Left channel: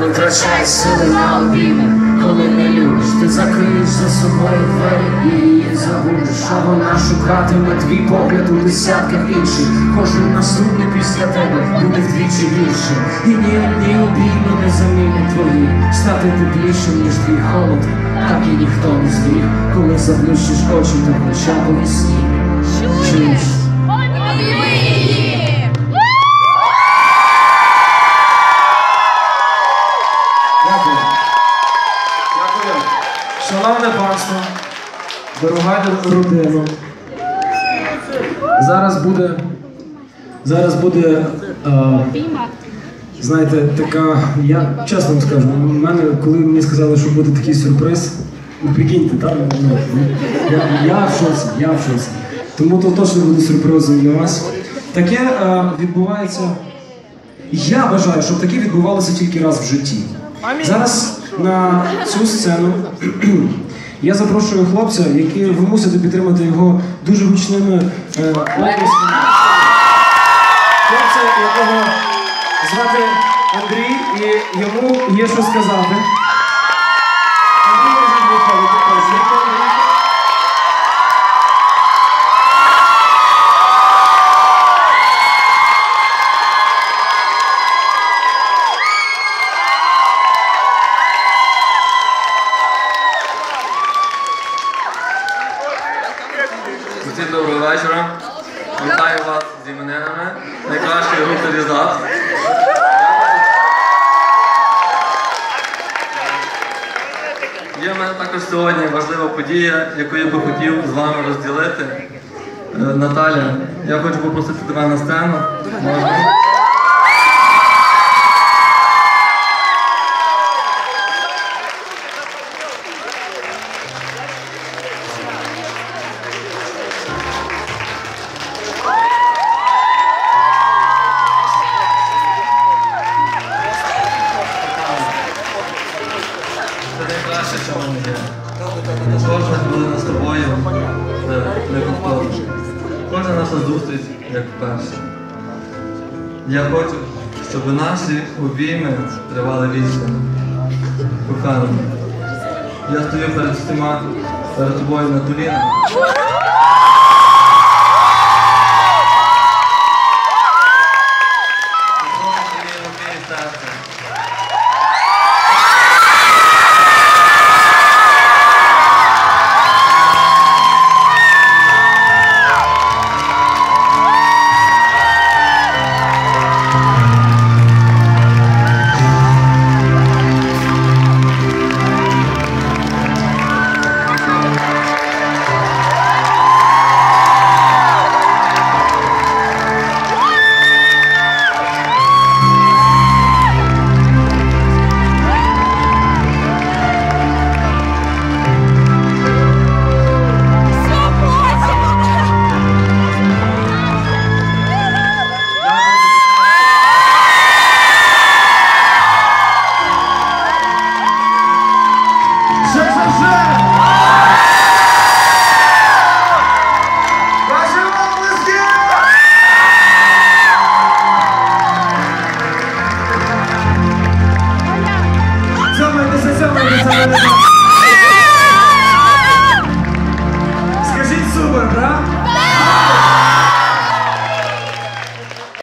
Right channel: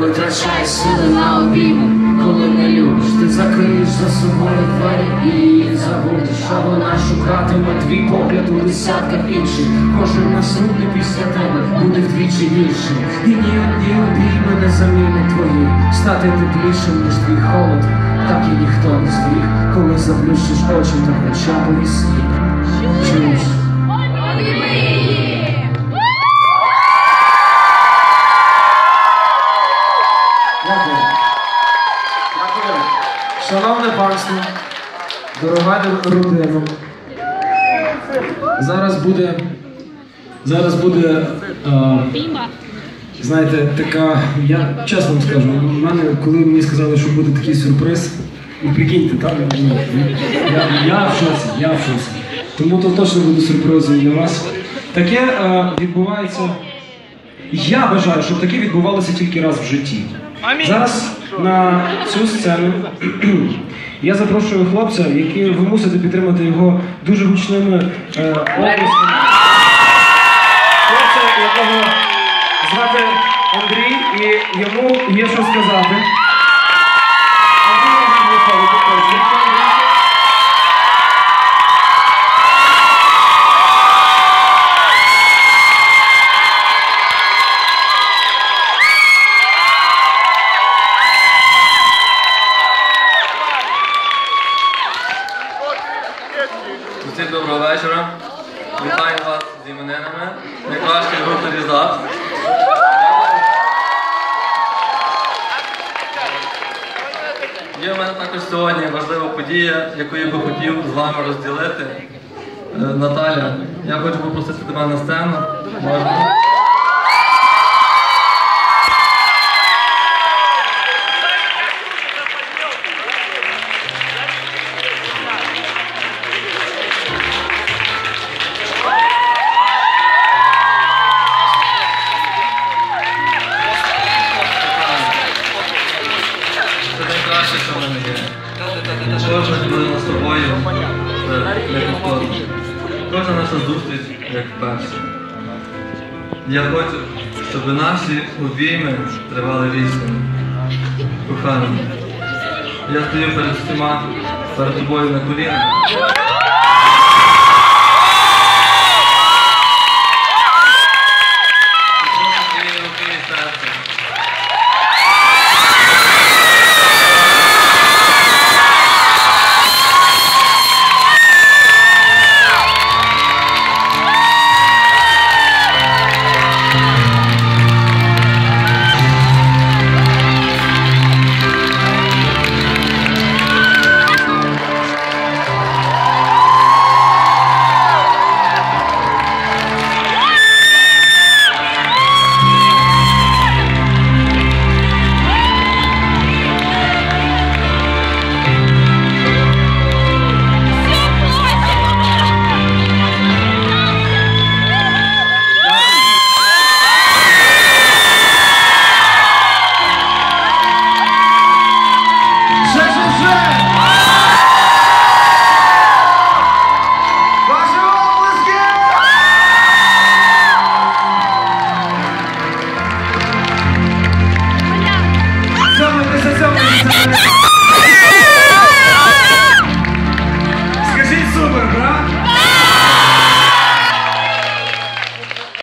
Витрачай сили на обійми, коли не любиш, ти закриєш за собою двері і її забудеш, а вона шукатиме твій погляд у десятках інших. Кожен наступний після тебе буде вдвічі більше. І ні одні обійми не замінять твої, стати теплішим, ніж твій холод, так і ніхто не зміг, коли заплющиш очі, то хоча б. Чуєш? Дякую. Шановне панство, дорога родина. Зараз буде. Зараз буде. е, знаєте, така. Я чесно вам скажу, у мене, коли мені сказали, що буде такий сюрприз, ну прикиньте, так? Ну, я, я в шоці, я в шоці. Тому то точно буде сюрпризом для вас. Таке е, відбувається. Я вважаю, що таке відбувалося тільки раз в житті. Зараз на цю сцену я запрошую хлопця, який ви мусите підтримати його дуже гучними е, оплесками. Хлопця, якого звати Андрій, і йому є що сказати. Усім доброго вечора. Вітаю вас з іменинами. Найкращої групи Різак. Є в мене також сьогодні важлива подія, яку я би хотів з вами розділити. Е, Наталя, я хочу попросити тебе на сцену. Можна? Кожна хвилина з тобою це неповторно. Кожна наша зустріч як перша. Я хочу, щоб наші обійми тривали вічно. Кохана, я стою перед всіма, перед тобою на колінах.